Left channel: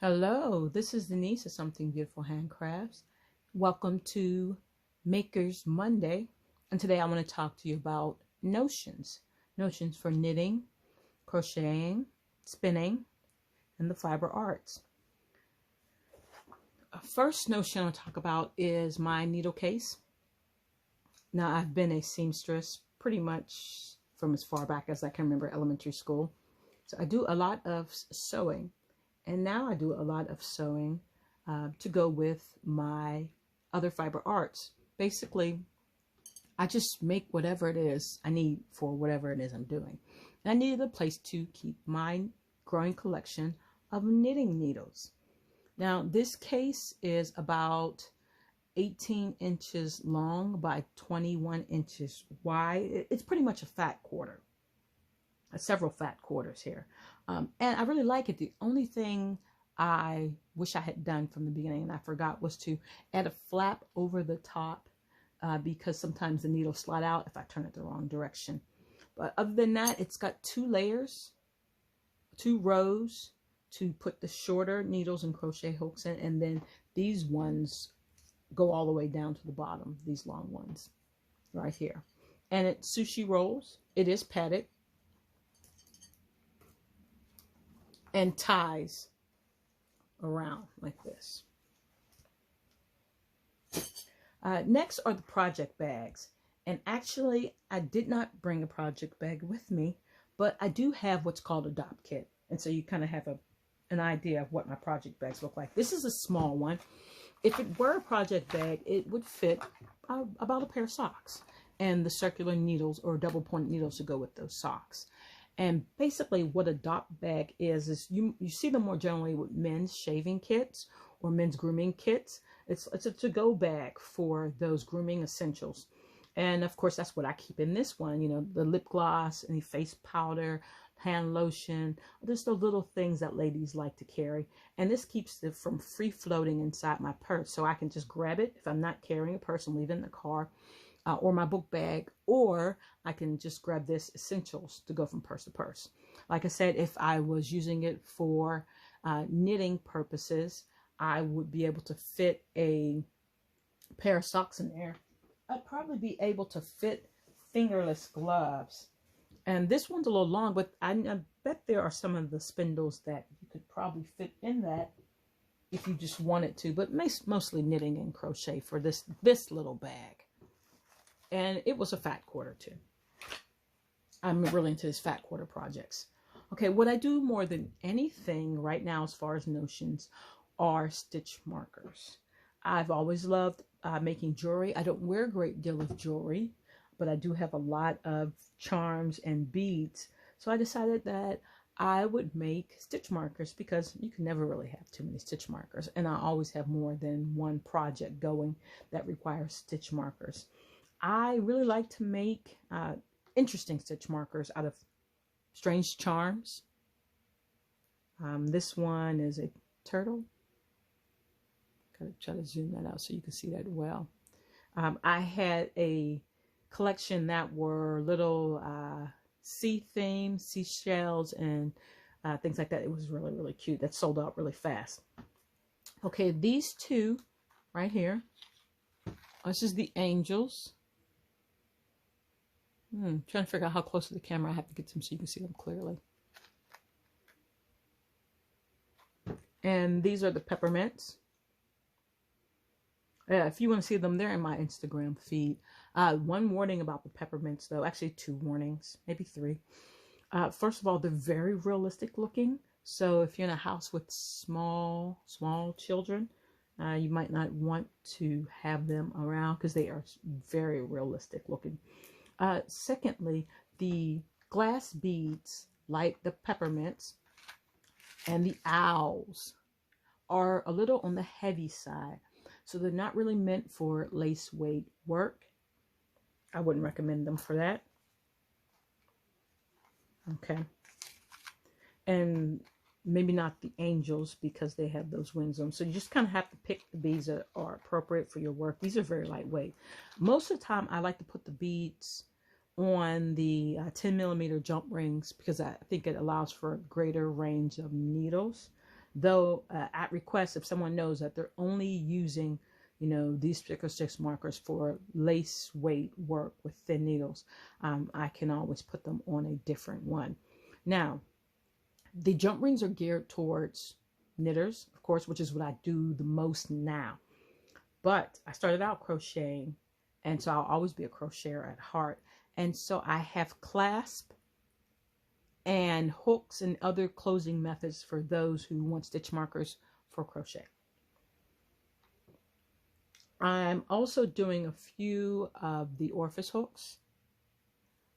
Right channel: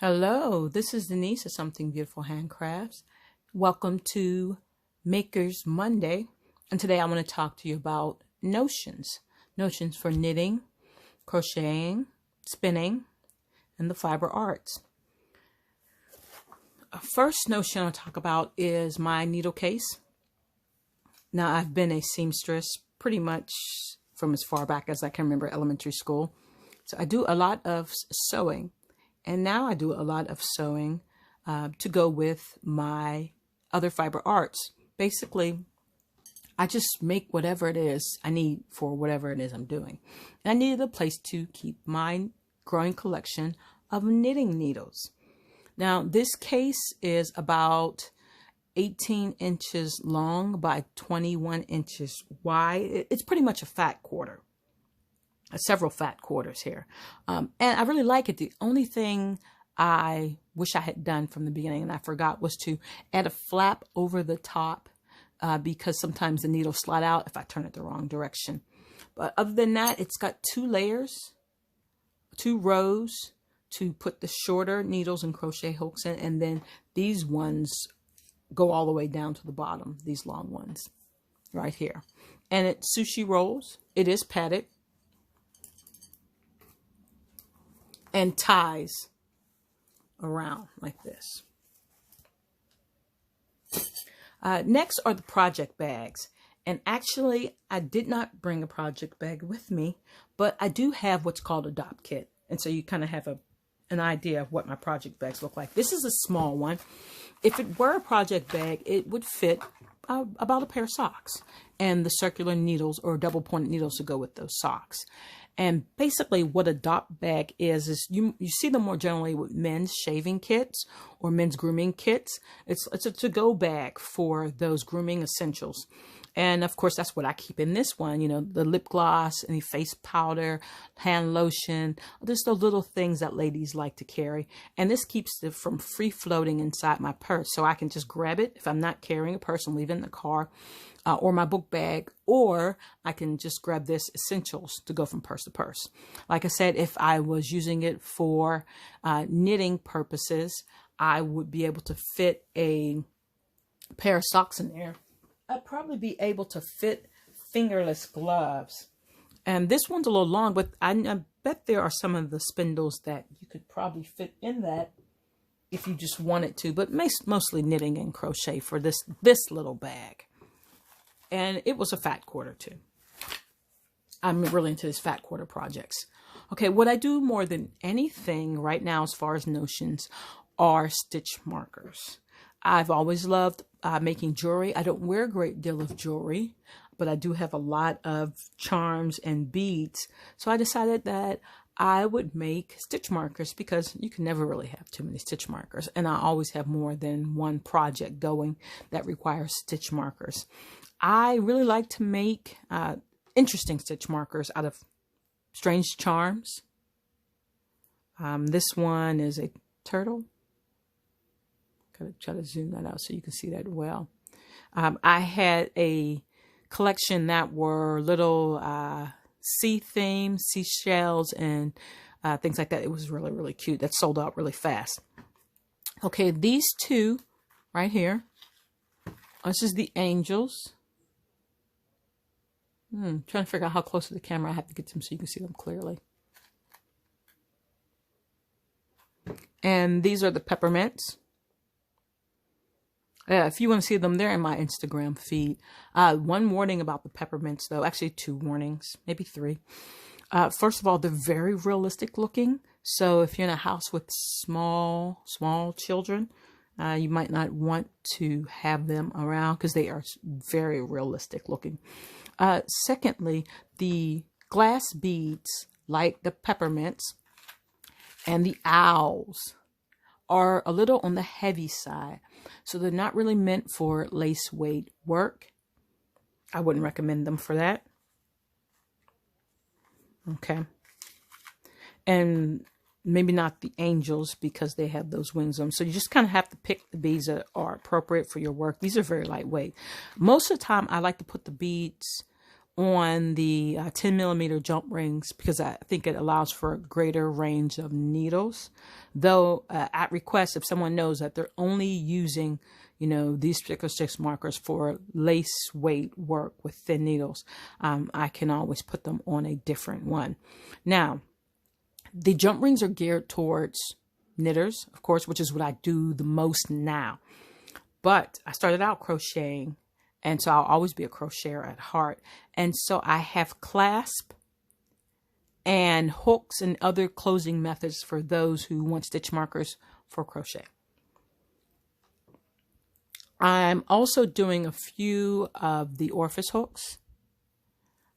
Hello, this is Denise of Something Beautiful Handcrafts. Welcome to Maker's Monday. And today I want to talk to you about notions. Notions for knitting, crocheting, spinning, and the fiber arts. First notion I'll talk about is my needle case. Now, I've been a seamstress pretty much from as far back as I can remember elementary school. So I do a lot of sewing. And now I do a lot of sewing to go with my other fiber arts. Basically, I just make whatever it is I need for whatever it is I'm doing. And I needed a place to keep my growing collection of knitting needles. Now, this case is about 18 inches long by 21 inches wide. It's pretty much a fat quarter. Several fat quarters here. And I really like it. The only thing I wish I had done from the beginning and I forgot was to add a flap over the top because sometimes the needles slide out if I turn it the wrong direction. But other than that, it's got two layers, two rows to put the shorter needles and crochet hooks in, and then these ones go all the way down to the bottom, these long ones right here. And it's sushi rolls. It is padded. And ties around like this. Next are the project bags. And actually, I did not bring a project bag with me, but I do have what's called a Dopp Kit. And so you kind of have an idea of what my project bags look like. This is a small one. If it were a project bag, it would fit about a pair of socks and the circular needles or double pointed needles to go with those socks. And basically what a Dopp bag is you see them more generally with men's shaving kits or men's grooming kits. It's a to-go bag for those grooming essentials. And of course, that's what I keep in this one, you know, the lip gloss, any face powder, hand lotion, just those little things that ladies like to carry. And this keeps it from free floating inside my purse. So I can just grab it if I'm not carrying a purse and leave it in the car. Or my book bag, or I can just grab this essentials to go from purse to purse. Like I said, if I was using it for knitting purposes, I would be able to fit a pair of socks in there. I'd probably be able to fit fingerless gloves. And this one's a little long, but I bet there are some of the spindles that you could probably fit in that if you just wanted to, but mostly knitting and crochet for this little bag. And it was a fat quarter too. I'm really into this fat quarter projects. Okay, what I do more than anything right now as far as notions are stitch markers. I've always loved making jewelry. I don't wear a great deal of jewelry, but I do have a lot of charms and beads. So I decided that I would make stitch markers because you can never really have too many stitch markers. And I always have more than one project going that requires stitch markers. I really like to make interesting stitch markers out of strange charms. This one is a turtle. Gotta try to zoom that out so you can see that well. I had a collection that were little sea themes, seashells, and things like that. It was really, really cute. That sold out really fast. Okay, these two right here. This is the angels. Trying to figure out how close to the camera I have to get them so you can see them clearly. And these are the peppermints. Yeah, if you want to see them, they're in my Instagram feed. One warning about the peppermints, though. Actually, two warnings, maybe three. First of all, they're very realistic looking. So if you're in a house with small children, you might not want to have them around because they are very realistic looking. Secondly, the glass beads, like the peppermints and the owls, are a little on the heavy side. So they're not really meant for lace weight work. I wouldn't recommend them for that. Okay. And maybe not the angels because they have those wings on them. So you just kind of have to pick the beads that are appropriate for your work. These are very lightweight. Most of the time, I like to put the beads on the 10mm jump rings because I think it allows for a greater range of needles though at request, if someone knows that they're only using, these particular stitch markers for lace weight work with thin needles, I can always put them on a different one. Now, the jump rings are geared towards knitters, of course, which is what I do the most now. But I started out crocheting, and so I'll always be a crocheter at heart. And so I have clasp and hooks and other closing methods for those who want stitch markers for crochet. I'm also doing a few of the orifice hooks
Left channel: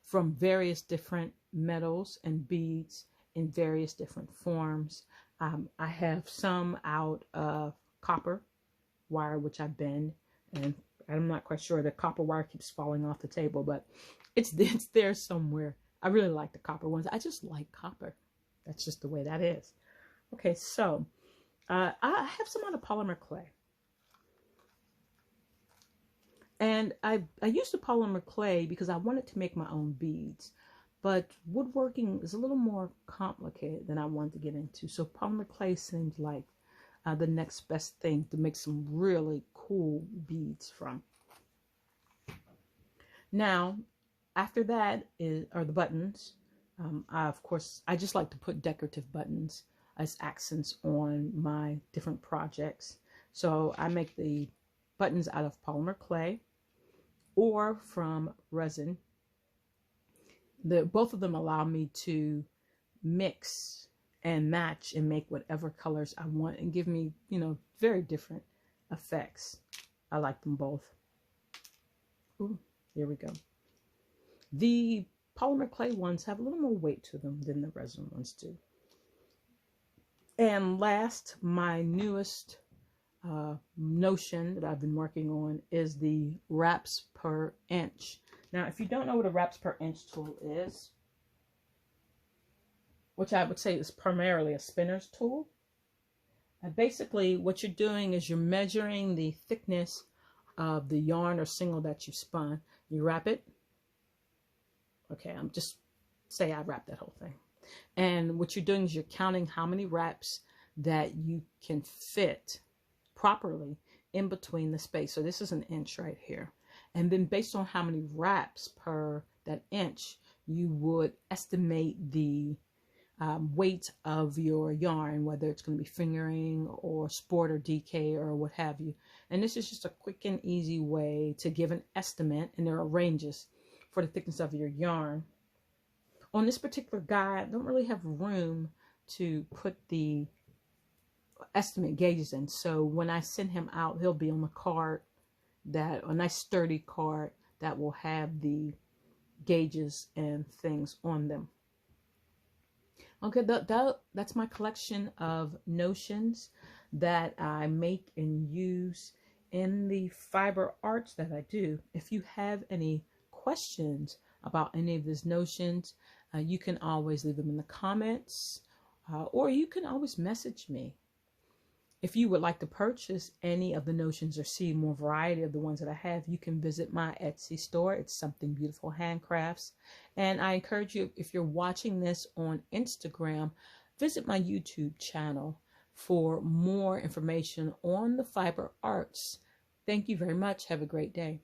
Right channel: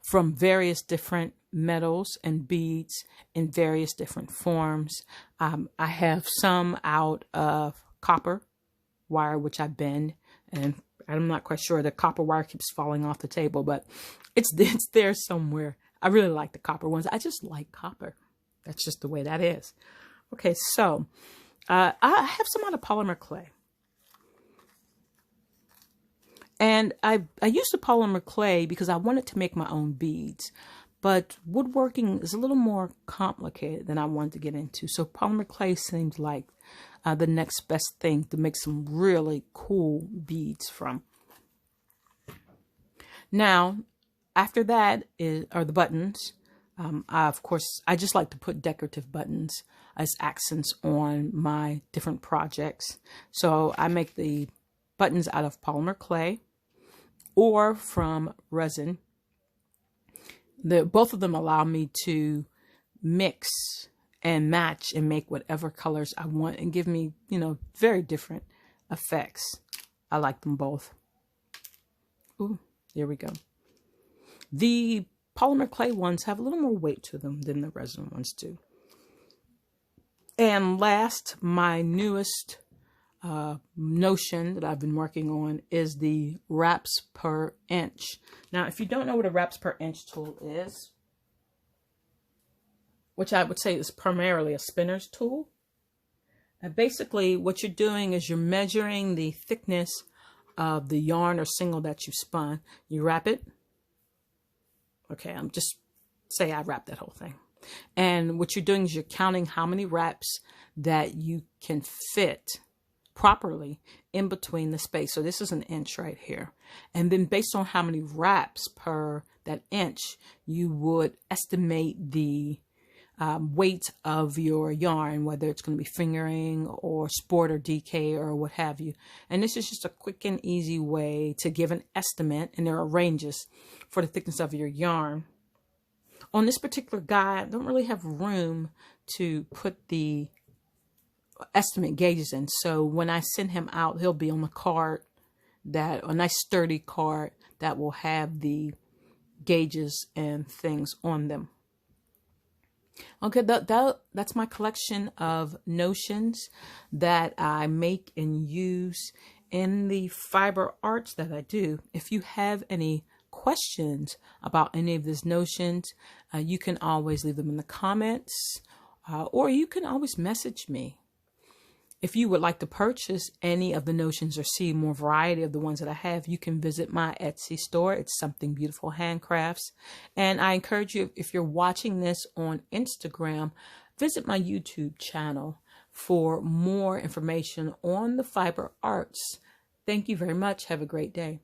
from various different metals and beads in various different forms. I have some out of copper wire, which I bend, and I'm not quite sure. The copper wire keeps falling off the table, but it's there somewhere. I really like the copper ones. I just like copper. That's just the way that is. Okay, so I have some out of polymer clay. And I used the polymer clay because I wanted to make my own beads. But woodworking is a little more complicated than I wanted to get into. So polymer clay seems like the next best thing to make some really cool beads from. Now, after that are the buttons. Of course, I just like to put decorative buttons as accents on my different projects. So I make the buttons out of polymer clay or from resin. Both of them allow me to mix and match and make whatever colors I want and give me, very different effects. I like them both. Ooh, there we go. The polymer clay ones have a little more weight to them than the resin ones do. And last, my newest notion that I've been working on is the wraps per inch. Now, if you don't know what a wraps per inch tool is, which I would say is primarily a spinner's tool, basically what you're doing is you're measuring the thickness of the yarn or single that you spun. You wrap it. Okay, I'm just say I wrap that whole thing. And what you're doing is you're counting how many wraps that you can fit properly in between the space. So this is an inch right here. And then based on how many wraps per that inch, you would estimate the weight of your yarn, whether it's going to be fingering or sport or DK or what have you. And this is just a quick and easy way to give an estimate, and there are ranges for the thickness of your yarn. On this particular guide, I don't really have room to put the estimate gauges in. So when I send him out, he'll be on a card, a nice sturdy card that will have the gauges and things on them. Okay, that's my collection of notions that I make and use in the fiber arts that I do. If you have any questions about any of these notions, you can always leave them in the comments, or you can always message me. If you would like to purchase any of the notions or see more variety of the ones that I have, you can visit my Etsy store. It's Something Beautiful Handcrafts. And I encourage you, if you're watching this on Instagram, visit my YouTube channel for more information on the fiber arts. Thank you very much. Have a great day.